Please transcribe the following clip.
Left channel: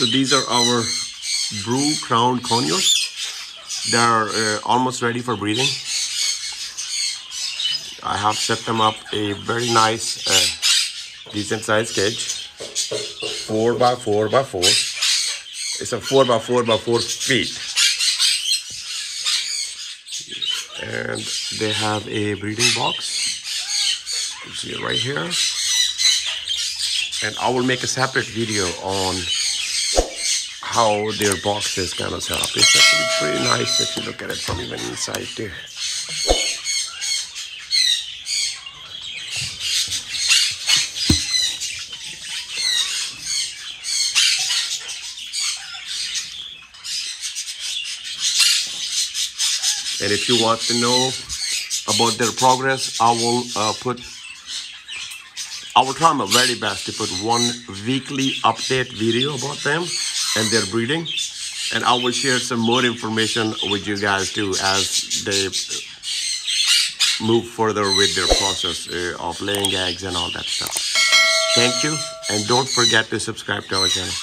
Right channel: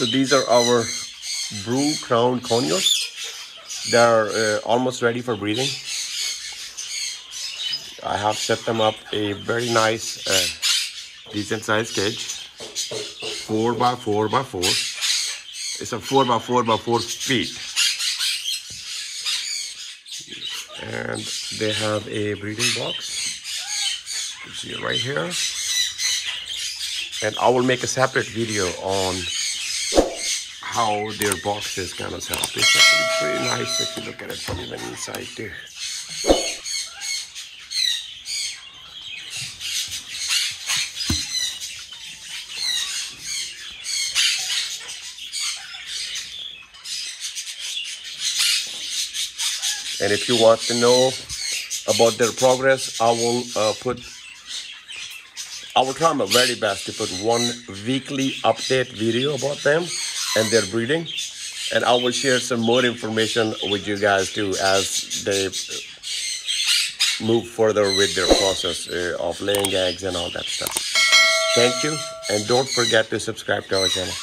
So these are our blue crowned conures. They're almost ready for breeding. I have set them up a very nice, decent sized cage, 4 by 4 by 4. It's a 4 by 4 by 4 feet, and they have a breeding box. You see it right here. And I will make a separate video on how their box is kind of set up. It's actually pretty nice if you look at it from even inside there. And if you want to know about their progress, I will try my very best to put one weekly update video about them and their breeding. And I will share some more information with you guys too as they move further with their process of laying eggs and all that stuff. Thank you, and don't forget to subscribe to our channel.